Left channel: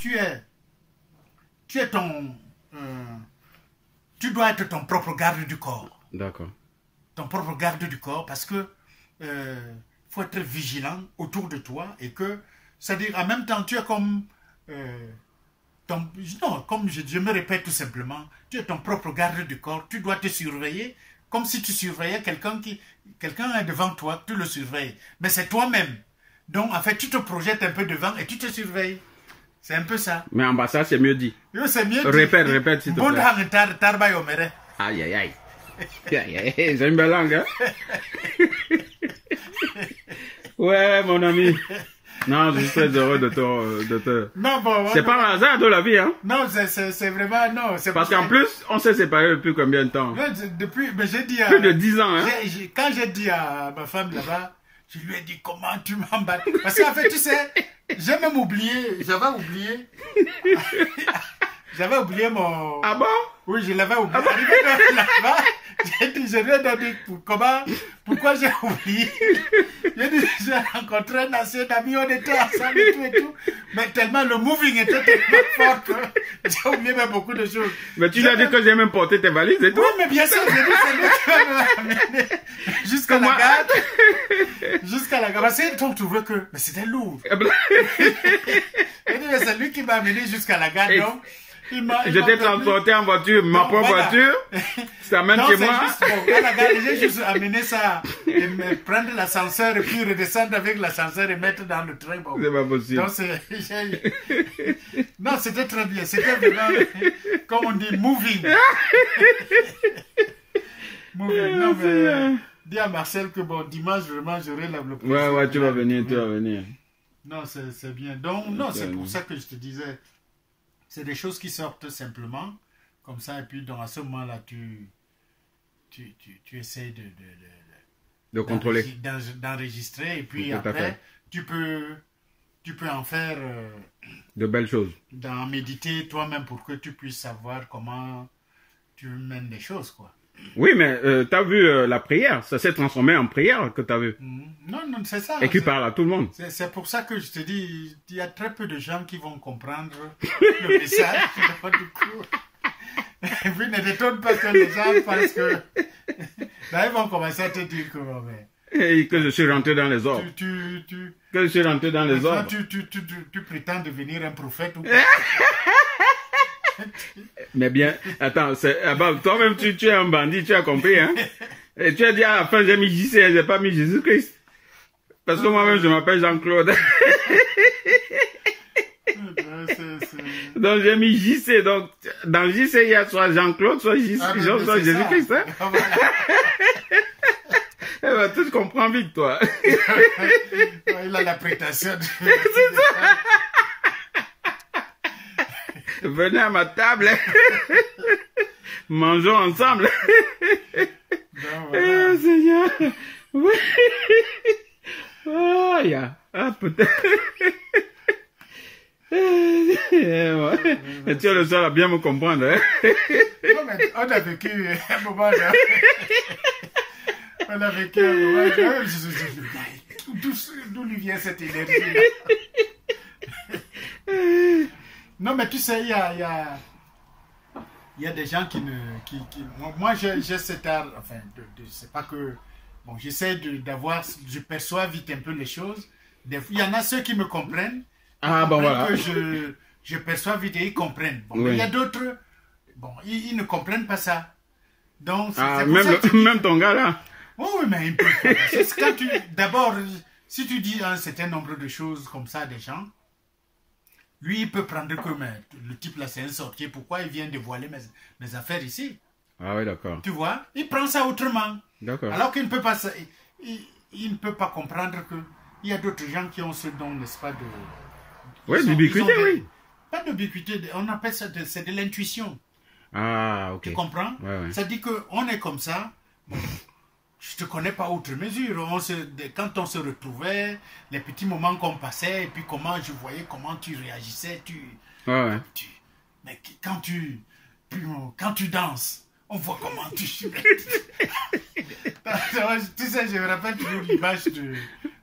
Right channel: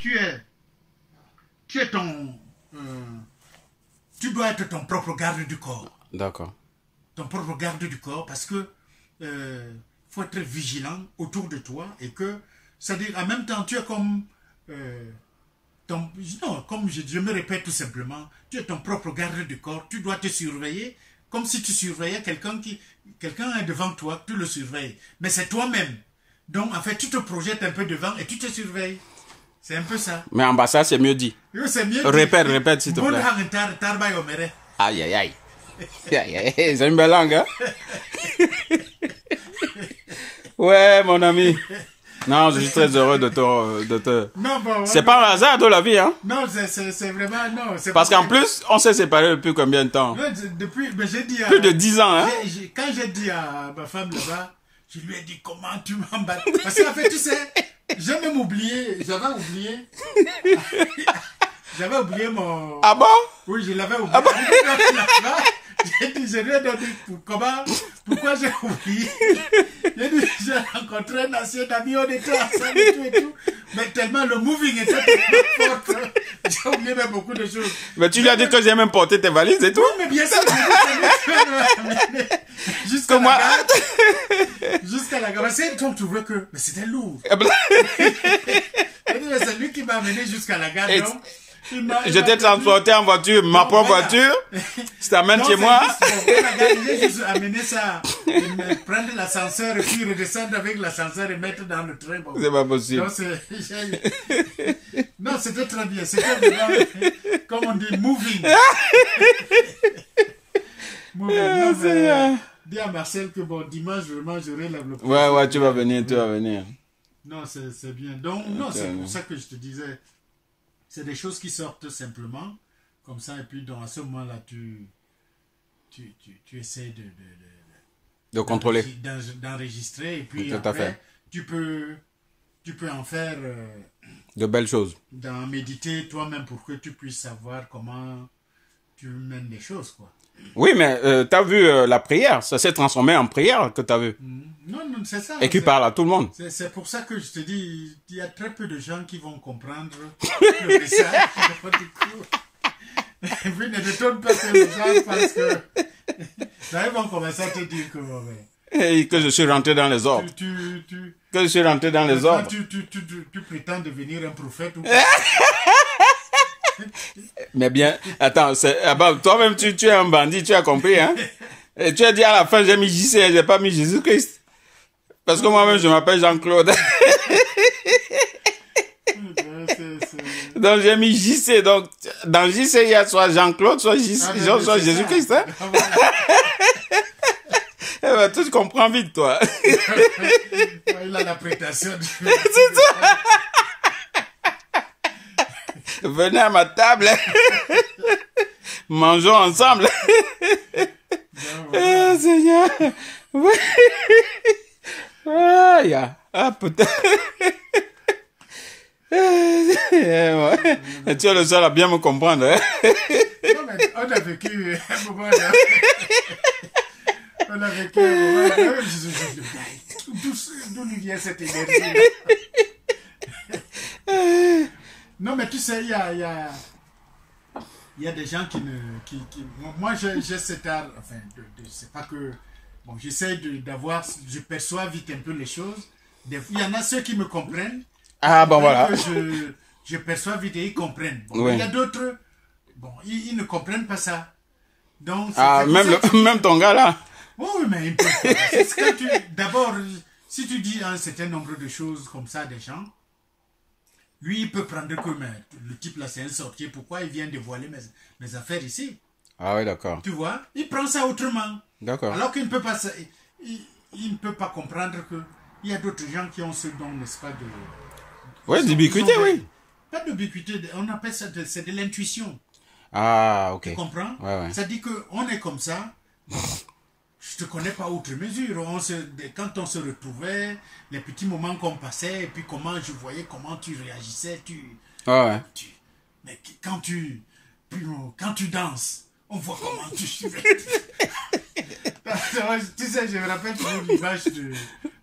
tu es ton... tu dois être ton propre garde du corps. D'accord. Ton propre garde du corps parce que faut être vigilant autour de toi et que, c'est-à-dire en même temps, tu es comme... non, comme je me répète tout simplement, tu es ton propre garde du corps, tu dois te surveiller comme si tu surveillais quelqu'un est devant toi, tu le surveilles. Mais c'est toi-même. Donc, en fait, tu te projettes un peu devant et tu te surveilles. C'est un peu ça. Mais en bas, ça, c'est mieux dit. C'est mieux dit. Répète, s'il te plaît. Aïe, aïe, aïe. C'est une belle langue, hein? Ouais, mon ami. Non, je suis très heureux de te... Non, bon, c'est pas un hasard de la vie, hein? Non, c'est vraiment... Non, parce qu'en plus, on s'est séparés depuis combien de temps? Mais j'ai dit plus de 10 ans, hein? Quand j'ai dit à ma femme là-bas, je lui ai dit comment tu m'emballes. Parce qu'en fait, tu sais, j'ai même oublié, j'avais oublié mon... Ah bon? Oui, je l'avais oublié. Ah bon? J'ai dit, je lui ai dit pourquoi j'ai oublié. J'ai dit, j'ai rencontré un ancien ami, on était ensemble et tout. Mais tellement le moving était tellement fort que j'ai oublié même beaucoup de choses. Mais tu lui as dit que j'ai même porté tes valises et tout? Oui, mais bien sûr, c'est lui qui m'a amené jusqu'à la gare. Jusqu'à la gare. Parce qu'on trouvait que, mais c'était lourd. J'ai dit, mais c'est lui qui m'a amené jusqu'à la gare, donc. J'étais transporté en voiture, ma propre voiture. Je t'amène chez moi. J'ai juste amené ça, et prendre l'ascenseur et puis redescendre avec l'ascenseur et mettre dans le train. Bon. C'est pas possible. Donc, non, c'était très bien. C'était vraiment, comme on dit, moving. Non, mais dis à Marcel que bon, dimanche, vraiment, j'aurai le plaisir. Ouais, tu vas venir, tu vas venir. Non, c'est bien. Donc, non, c'est pour ça que je te disais. C'est des choses qui sortent simplement, comme ça, et puis donc, à ce moment-là, tu essaies de contrôler, d'enregistrer, et puis après, tu peux en faire de belles choses. D'en méditer toi-même pour que tu puisses savoir comment tu mènes les choses, quoi. Oui, mais tu as vu la prière, ça s'est transformé en prière que tu as vu. Non, c'est ça. Et qui parle à tout le monde. C'est pour ça que je te dis, il y a très peu de gens qui vont comprendre le message. Du coup. Et puis ne t'étonne pas que les gens pensent que... Là, ils vont commencer à te dire que... Et que je suis rentré dans les ordres. Que je suis rentré dans les ordres. Tu prétends devenir un prophète ou... Mais bien, attends, toi-même tu es un bandit, tu as compris, hein? Et tu as dit à la fin, j'ai mis JC, j'ai pas mis Jésus-Christ. Parce que moi-même, je m'appelle Jean-Claude. Donc j'ai mis JC, donc dans JC, il y a soit Jean-Claude, soit Jésus-Christ, hein? Eh ben, tu comprends vite, toi. Il a la prétention de... C'est ça. Venez à ma table. Mangeons ensemble. Eh, Seigneur. Ah, peut-être. Tu es le seul à bien me comprendre. Hein? Non, mais on a vécu un moment là. On a vécu un moment là. D'où lui vient cette énergie-là? Non, mais tu sais, il y a des gens qui ne... moi, j'ai cet art, enfin, c'est pas que... Bon, j'essaie d'avoir... Je perçois vite un peu les choses. Il y en a ceux qui me comprennent. Ah, bon, voilà. Que je perçois vite et ils comprennent. Bon, oui. Mais il y a d'autres... Bon, ils ne comprennent pas ça. Donc, même ton gars, là. Oui, mais il peut pas. C'est quand tu... D'abord, si tu dis un certain nombre de choses comme ça à des gens... Lui, il peut prendre que le type là, c'est un sorcier. Pourquoi il vient dévoiler mes affaires ici? Ah oui, d'accord. Tu vois? Il prend ça autrement. D'accord. Alors qu'il ne peut pas... Il ne peut pas comprendre qu'il y a d'autres gens qui ont ce don, n'est-ce pas, de... Oui, d'ubiquité, oui. Pas d'ubiquité, on appelle ça, c'est de l'intuition. Ah, ok. Tu comprends? Ouais. Ça dit qu'on est comme ça... Je te connais pas outre mesure. Quand on se retrouvait, les petits moments qu'on passait, et puis comment je voyais comment tu réagissais, mais quand tu danses, on voit comment tu... Tu sais, je me rappelle toujours l'image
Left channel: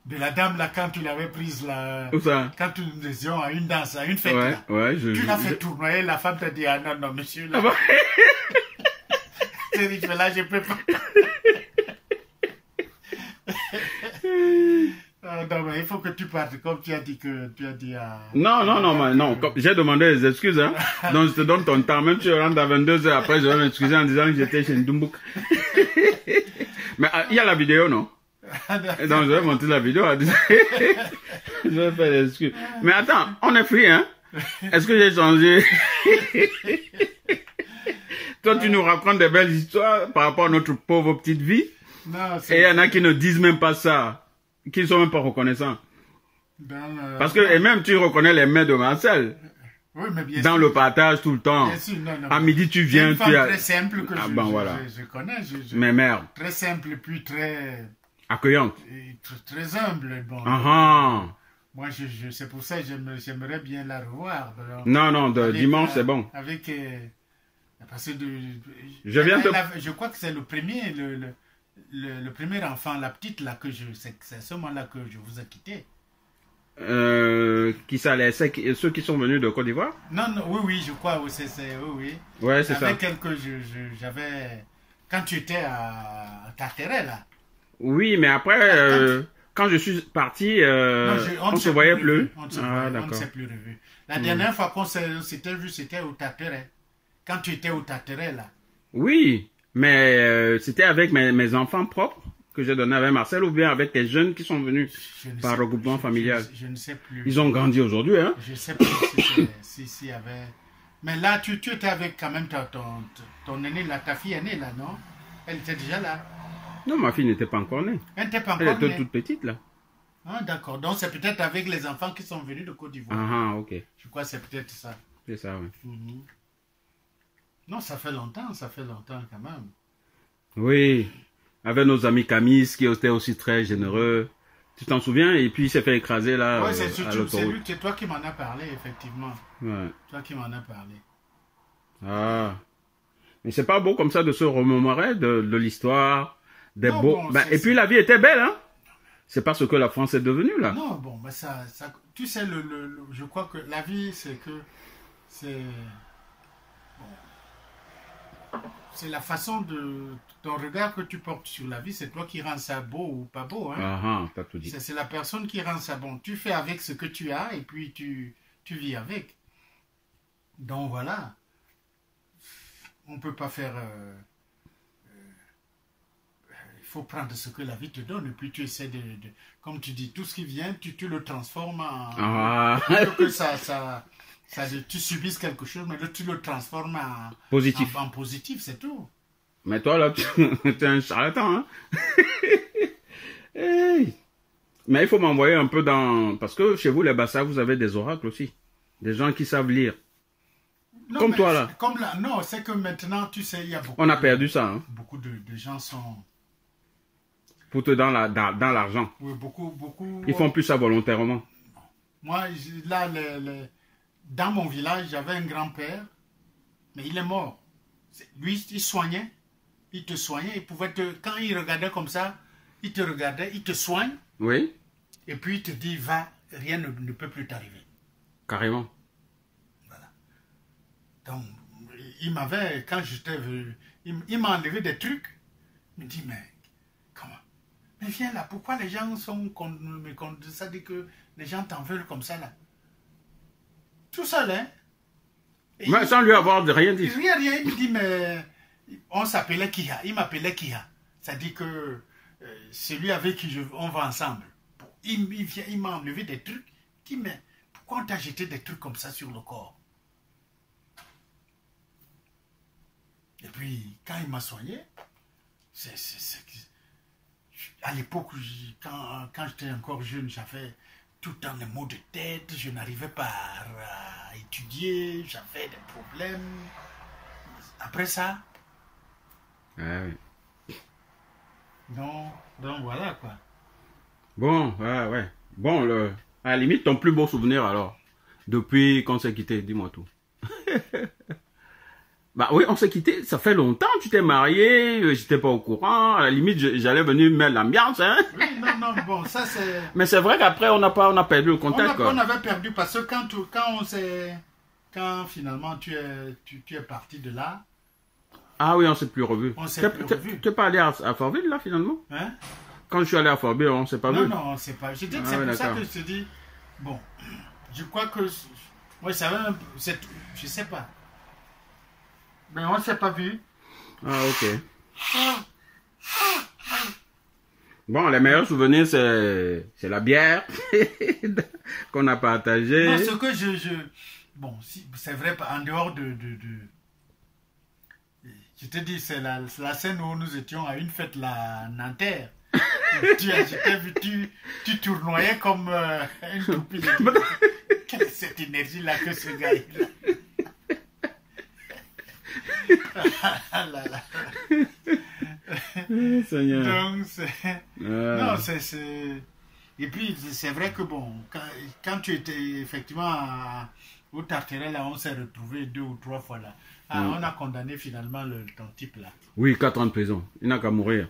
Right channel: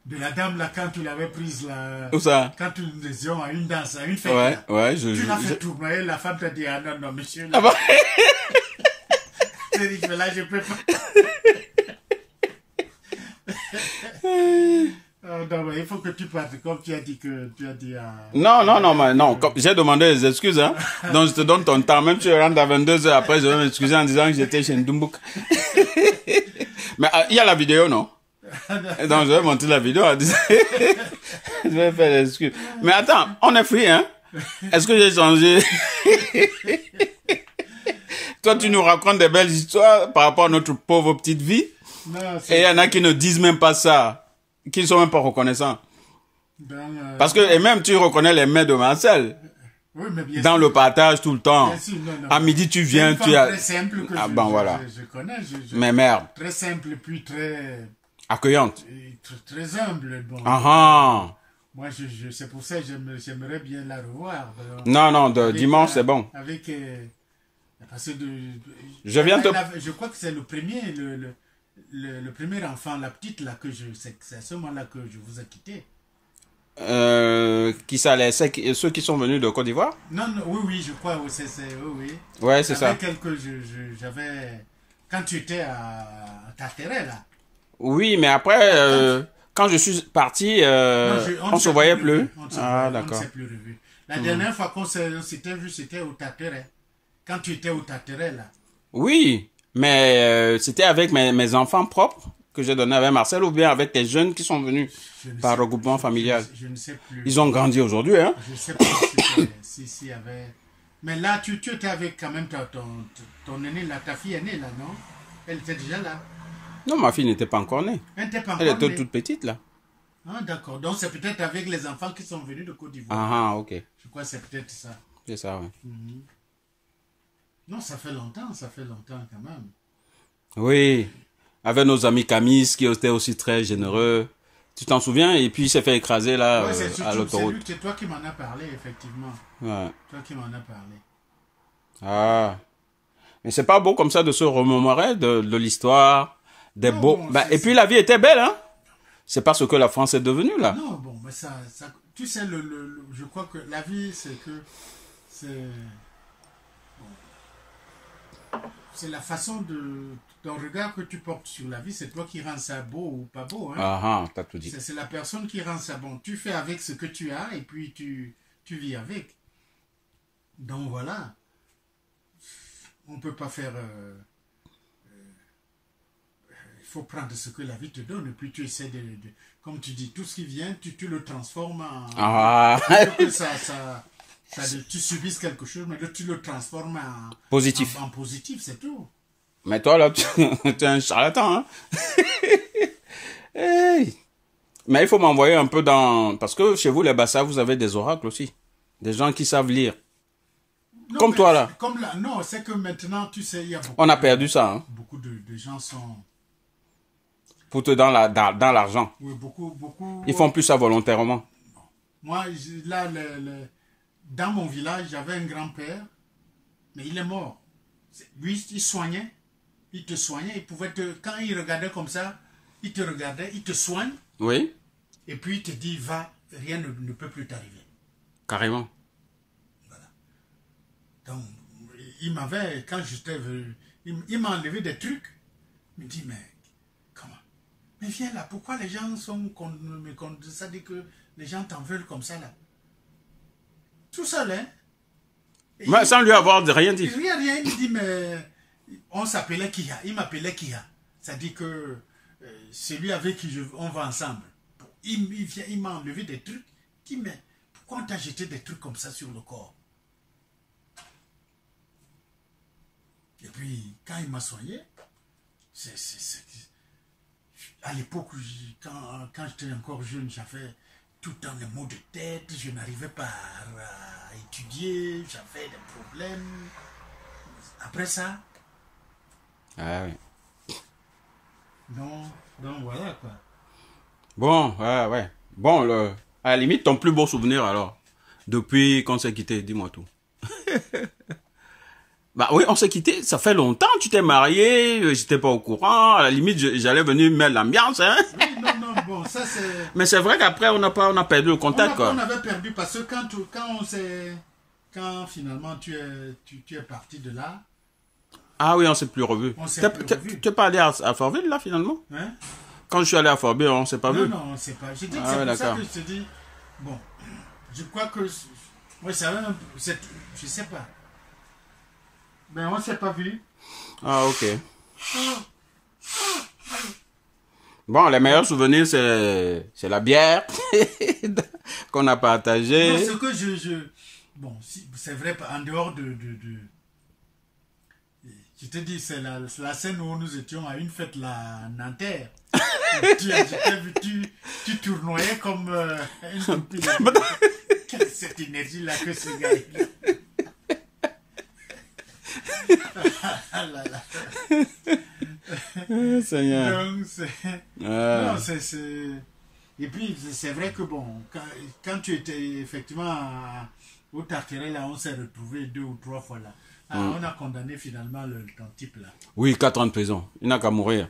de la dame là quand tu l'avais prise là. Où ça? Quand nous étions à une danse, à une fête. Ouais, là. ouais. Tu l'as fait tournoyer, la femme t'a dit ah non, non, monsieur. Là. Ah bon? Tu dit, mais là je peux pas. Non, mais il faut que tu partes comme tu as dit que tu as dit à... Non. J'ai demandé des excuses, hein. Donc je te donne ton temps. Même si je rentre à 22h après, je vais m'excuser en disant que j'étais chez Ndumbouk. Mais il y a la vidéo, non? Donc je vais montrer la vidéo en disant... je vais faire des excuses. Mais attends, on est free, hein? Est-ce que j'ai changé? Toi, tu nous racontes des belles histoires par rapport à notre pauvre petite vie. Non, et il y en a qui ne disent même pas ça. Qui ne sont même pas reconnaissants. Parce que, et même tu reconnais les mains de Marcel. Oui, mais bien dans sûr. le partage tout le temps. Bien sûr, non. À midi, tu viens, tu as... très simple que je connais. Mais merde. Très simple, puis très... Accueillante. Très humble. Bon. Moi, c'est pour ça que j'aimerais bien la revoir. Non, dimanche, c'est bon. Avec... parce que je crois que c'est le premier... Le premier enfant, la petite là c'est à ce moment-là que je vous ai quitté. Qui ça, ceux qui sont venus de Côte d'Ivoire? Non, oui, je crois, oui. Ouais, c'est ça. J'avais quand tu étais à Tarteret là. Oui, mais après, quand je suis parti, on ne se voyait plus. On ne s'est plus revu. La dernière fois qu'on s'était vu, c'était au Tarteret. Quand tu étais au Tarteret là. Oui. Mais c'était avec mes enfants propres que j'ai donné avec Marcel ou bien avec les jeunes qui sont venus par regroupement familial. Je ne sais plus. Ils ont grandi aujourd'hui, hein? Je ne sais plus si y avait... Mais là, tu étais avec quand même ton aîné, là, ta fille aînée, là, non? Elle était déjà là. Non, ma fille n'était pas encore née. Elle n'était pas encore née. Elle était toute petite, là. Ah, d'accord. Donc, c'est peut-être avec les enfants qui sont venus de Côte d'Ivoire. Ah, ok. Je crois que c'est peut-être ça. C'est ça, oui. Non, ça fait longtemps quand même. Oui, avec nos amis Camis qui étaient aussi très généreux. Tu t'en souviens? Et puis il s'est fait écraser là à l'autoroute. C'est toi qui m'en as parlé, effectivement. Ouais. Toi qui m'en as parlé. Ah. Mais c'est pas beau comme ça de se remémorer de l'histoire, des beaux... et puis la vie était belle, hein? C'est pas ce que la France est devenue là. Non, bon, mais ça tu sais, je crois que la vie, c'est que... C'est la façon de... Ton regard que tu portes sur la vie, c'est toi qui rends ça beau ou pas beau. Hein? T'as tout dit. C'est la personne qui rend ça bon. Tu fais avec ce que tu as et puis tu vis avec. Donc voilà. On ne peut pas faire... il faut prendre ce que la vie te donne et puis tu essaies de comme tu dis, tout ce qui vient, tu le transformes en... tu subisses quelque chose, mais tu le transformes en positif. En positif, c'est tout. Mais toi, là, tu es un charlatan, hein? Hey. Mais il faut m'envoyer un peu dans... Parce que chez vous, les Bassa, vous avez des oracles aussi. Des gens qui savent lire. Non, comme toi, là. Non, c'est que maintenant, tu sais, il y a beaucoup... On a perdu ça, hein? Beaucoup de gens sont... Foutent dans l'argent. Oui, beaucoup... Ils font plus ça volontairement. Moi, là, dans mon village, j'avais un grand-père, mais il est mort. Lui, il soignait. Il te soignait. Il pouvait quand il regardait comme ça, il te regardait, il te soigne. Oui. Et puis il te dit, va, rien ne peut plus t'arriver. Carrément. Voilà. Donc, il m'avait, quand j'étais venu, il m'a enlevé des trucs. Il me dit, mais comment? Mais viens là, pourquoi les gens sont contre ça, dit que les gens t'en veulent comme ça là? Tout seul, hein? Mais sans lui avoir rien dit. Rien, il dit, mais on s'appelait Kia. Il m'appelait Kia. C'est-à-dire que celui avec qui on va ensemble. Il m'a enlevé des trucs. Il dit, mais pourquoi on t'a jeté des trucs comme ça sur le corps? Et puis, quand il m'a soigné, à l'époque, quand j'étais encore jeune, j'avais tout le temps les maux de tête, je n'arrivais pas à étudier, j'avais des problèmes. Après ça... Ah oui. Donc voilà quoi. Bon, ouais. Bon, à la limite, ton plus beau souvenir alors, depuis qu'on s'est quitté, dis-moi tout. Bah oui, on s'est quitté, ça fait longtemps, tu t'es marié, j'étais pas au courant, à la limite, j'allais venir mettre l'ambiance, hein. Oui, non, bon, ça c'est... Mais c'est vrai qu'après, on a perdu le contact, quoi. On avait perdu parce que quand finalement tu es parti de là... Ah oui, on s'est plus revu. Tu n'es pas allé à Fortville, là, finalement? Hein? Quand je suis allé à Fortville, on ne s'est pas vu? Non, on ne s'est pas. Je dis que c'est pour ça que je te dis... Bon, je crois que... Moi, je savais un peu... Je sais pas. Mais on ne s'est pas vu. Ah, ok. Bon, les meilleurs souvenirs, c'est la bière qu'on a partagée. Non, ce que bon, c'est vrai, en dehors de... Je te dis, c'est la scène où nous étions à une fête, la Nanterre. Tu tournoyais comme une toupie. Quelle est cette énergie-là que ce gars-là? Donc, non, c'est... Et puis, c'est vrai que bon, quand tu étais effectivement au Tarterel, là, on s'est retrouvé 2 ou 3 fois là. On a condamné finalement ton type là. Oui, 4 ans de prison. Il n'a qu'à mourir.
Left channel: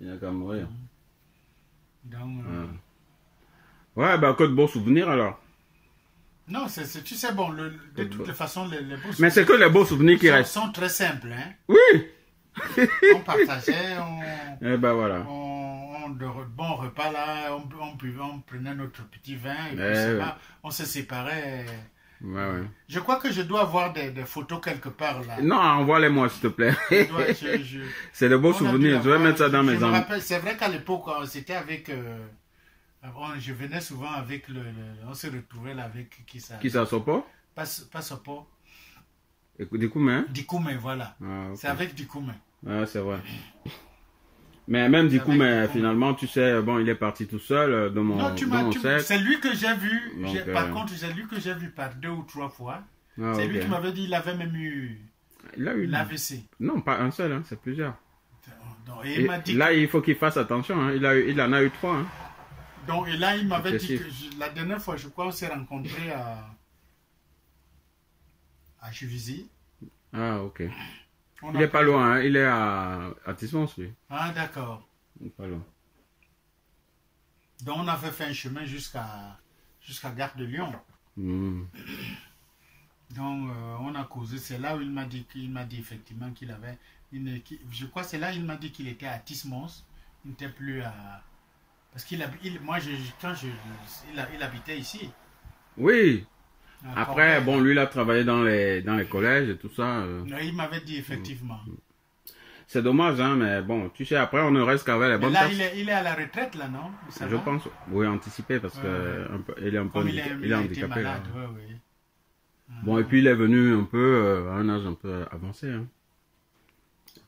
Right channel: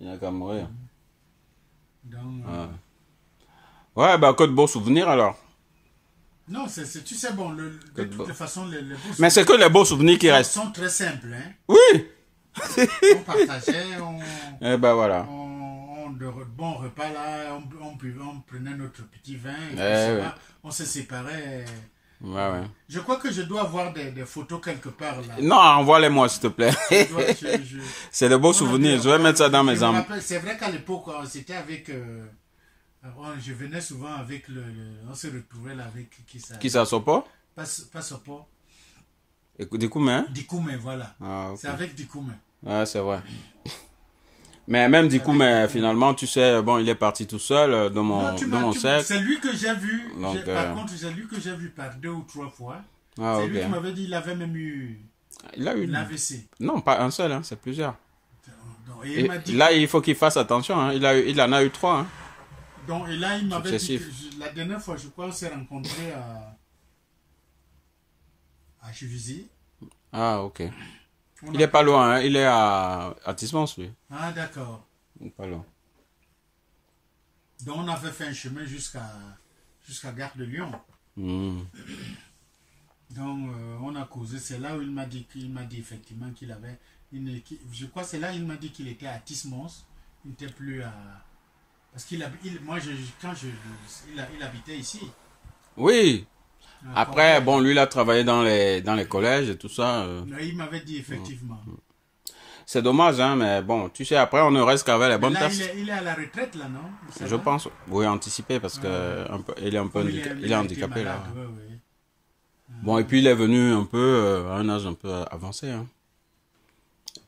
Il n'a qu'à mourir. Donc, ouais, bah, que de beaux souvenirs alors. Non, tu sais, bon, de toute façon, les beaux souvenirs... Mais c'est que les beaux souvenirs qui restent. Sont très simples, hein. Oui. On partageait, et ben voilà. De bons repas là, on prenait notre petit vin, et puis on se séparait. Ouais. Je crois que je dois avoir des photos quelque part là. Non, envoie-les-moi s'il te plaît. C'est de beaux souvenirs, je vais mettre ça dans mes armes. C'est vrai qu'à l'époque, c'était avec... je venais souvent avec on se retrouvait là avec qui ça, Sopo? Pas Sopo. Dikoumé? Dikoumé, voilà. Ah, okay. C'est avec Dikoumé. Ah, c'est vrai. Mais même Dikoumé, finalement, tu sais, bon, il est parti tout seul dans mon cercle. C'est lui que j'ai vu. Donc, par contre, c'est lui que j'ai vu par 2 ou 3 fois. Ah, c'est lui qui m'avait dit qu'il avait même eu l'AVC. Non, pas un seul, hein, c'est plusieurs. Donc, et il m'a dit là, il faut qu'il fasse attention. Hein. Il en a eu 3. Hein. Donc, et là, il m'avait dit que la dernière fois, je crois, on s'est rencontrés à Juvisy. Ah, ok. Il est pas loin, hein. Il est à Tismons, lui. Ah, d'accord. Pas loin. Donc, on avait fait un chemin jusqu'à Gare de Lyon. Donc, on a causé. C'est là où il m'a dit effectivement qu'il avait je crois que c'est là où il m'a dit qu'il était à Tismons. Il n'était plus à... Parce qu'il il habitait ici. Oui. Après, bon, lui, il a travaillé dans les collèges et tout ça. Non, il m'avait dit effectivement. C'est dommage, hein, mais bon, tu sais, après, on ne reste qu'avec les bonnes personnes. Il est à la retraite, là, non? Je pense. Oui, anticipé, parce que il est un peu il est handicapé, malade, là. Oui. Bon, et puis, il est venu un peu à un âge un peu avancé, hein.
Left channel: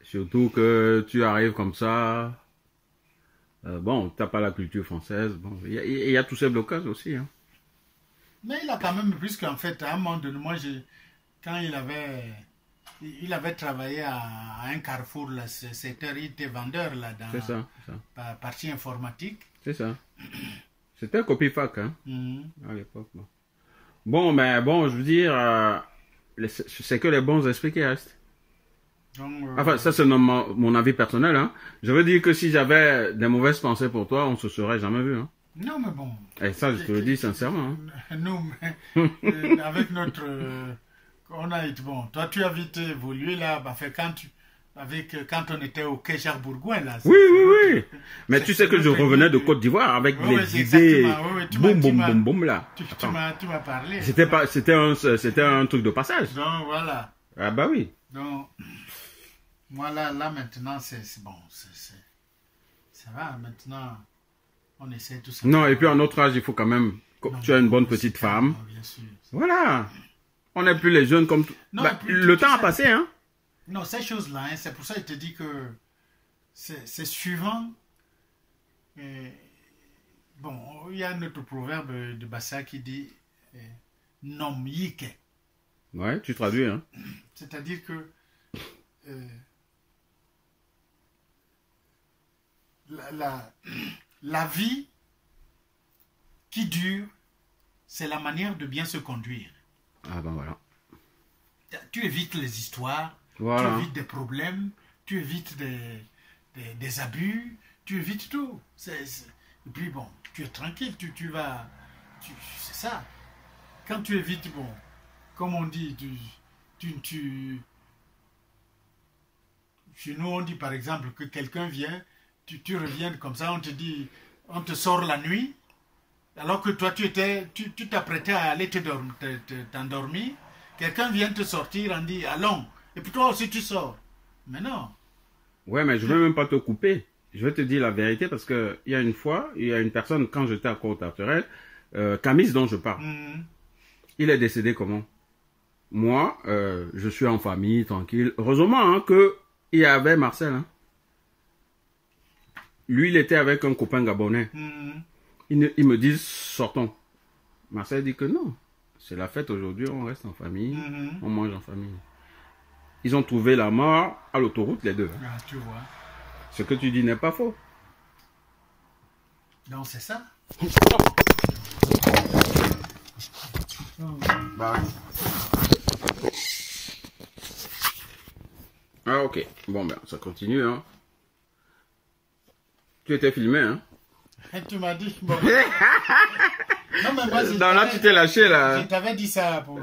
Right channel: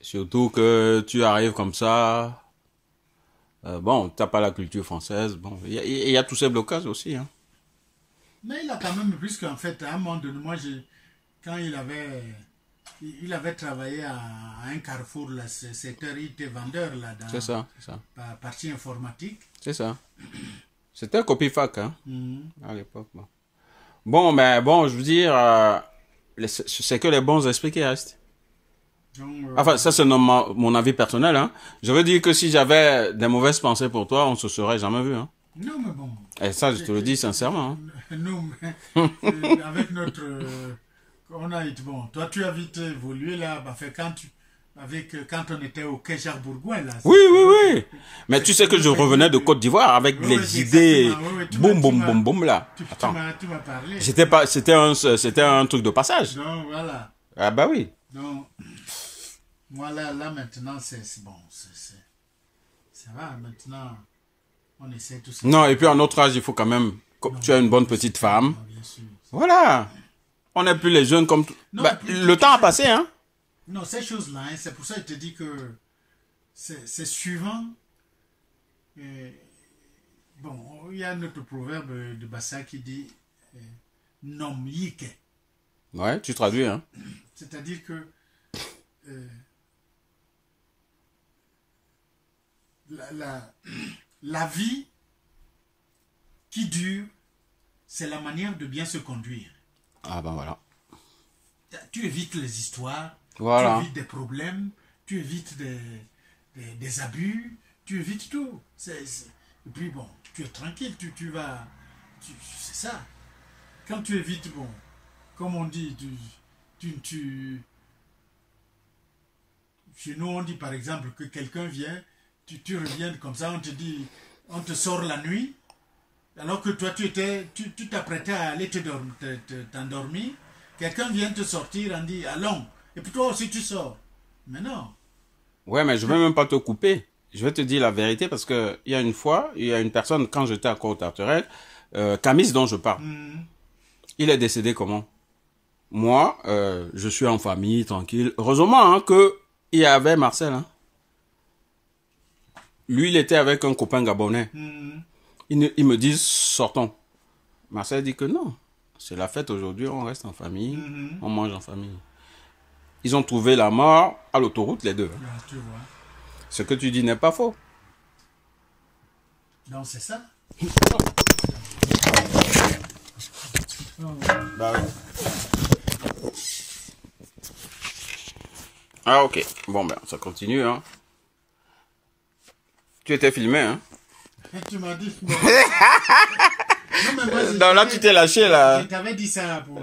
Surtout que tu arrives comme ça. Bon, tu n'as pas la culture française. Bon, il y a tous ces blocages aussi, hein. Mais il a quand même, puisqu'en fait, à un moment donné, moi, quand il avait travaillé à un carrefour, là, il était vendeur, là, dans la partie informatique. C'est ça. C'était un Copifac, hein, à l'époque. Bon, mais bon, je veux dire, c'est que les bons esprits qui restent. Donc, enfin, ça, c'est mon avis personnel, hein. Je veux dire que si j'avais des mauvaises pensées pour toi, on ne se serait jamais vu, hein. Non, mais bon. Et ça, je te le dis sincèrement. Hein. Nous, avec notre... on a été... Bon, toi, tu as vite évolué là. Quand on était au quai Charles-Bourgoin, là. Oui. Mais tu sais que je revenais de Côte d'Ivoire avec les idées... boum, là. Tu m'as parlé. C'était un truc de passage. Donc, voilà. Ah bah oui. Donc, moi, là maintenant, c'est bon. Ça va, maintenant... On essaie tout ça. Non, et puis à notre âge, il faut quand même que tu as une bonne petite femme. Bien sûr. Voilà. On n'est plus les jeunes comme... le temps a passé, hein. Non, ces choses-là, hein, c'est pour ça que je te dis que c'est suivant. Bon, il y a notre proverbe de Bassa qui dit nom yike. Ouais, tu traduis, hein. C'est-à-dire que la vie qui dure, c'est la manière de bien se conduire. Ah ben voilà. Tu évites les histoires, voilà. Tu évites des problèmes, tu évites des abus, tu évites tout. Et puis bon, tu es tranquille, tu vas... c'est ça. Quand tu évites, bon, comme on dit, chez nous, on dit par exemple que quelqu'un vient, tu reviens comme ça, on te dit, on te sort la nuit, alors que toi, tu t'apprêtais à aller t'endormir. Quelqu'un vient te sortir, on dit, allons. Et puis toi aussi, tu sors. Mais non. Ouais, mais je ne vais même pas te couper. Je vais te dire la vérité parce qu'il y a une fois, il y a une personne, quand j'étais à Côte-Tarterelle, Camis dont je parle. Il est décédé comment? Moi, je suis en famille, tranquille. Heureusement qu'il y avait Marcel. Hein. Lui, il était avec un copain gabonais. Ils me disent, sortons. Marcel dit que non. C'est la fête aujourd'hui, on reste en famille, on mange en famille. Ils ont trouvé la mort à l'autoroute, les deux. Ah, tu vois. Ce que tu dis n'est pas faux. Non, c'est ça. Ah, ok. Bon, ben, ça continue, hein. Tu étais filmé, hein. Et tu m'as dit... Non, là, tu t'es lâché, là. Je t'avais dit ça pour...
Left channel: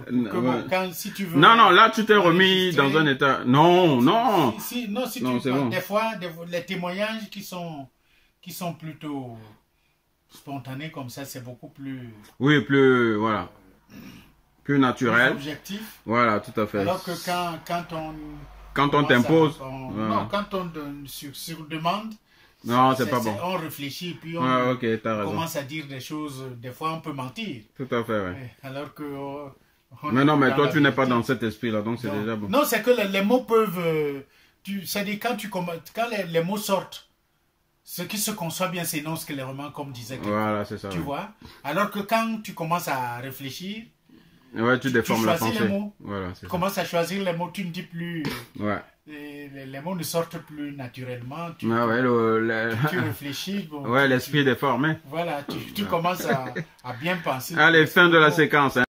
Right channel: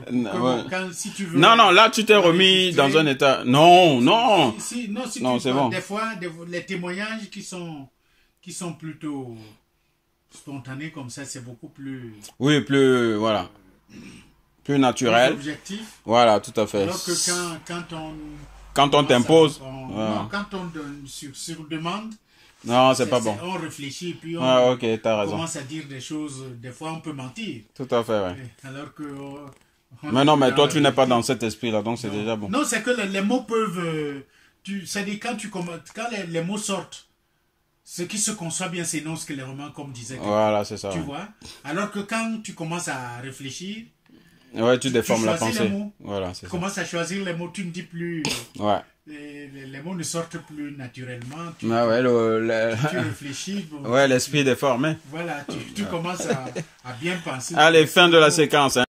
si tu veux... Non, là, tu t'es remis dans un état... Non. Si c'est bon. Des fois, les témoignages qui sont plutôt spontanés comme ça, c'est beaucoup plus... Oui, plus... Voilà. Plus naturel. Plus objectif. Voilà, tout à fait. Alors que quand on t'impose... Non, quand on donne sur demande... Non, c'est pas bon. On réfléchit, puis on commence à dire des choses. Des fois, on peut mentir. Tout à fait, ouais. Alors que... mais non, mais toi, tu n'es pas dans cet esprit-là, donc c'est déjà bon. Non, c'est que les mots peuvent... c'est-à-dire, quand les mots sortent, ce qui se conçoit bien, c'est non ce que les romans, comme disaient. Voilà, c'est ça. Tu vois? Alors que quand tu commences à réfléchir... Ouais, tu déformes la pensée. Les mots. Voilà, c'est ça. Tu commences à choisir les mots, tu ne dis plus... Ouais. Les mots ne sortent plus naturellement. Tu réfléchis. Bon, ouais, l'esprit déformé. Voilà, tu commences à bien penser. Allez, fin de la séquence. Hein.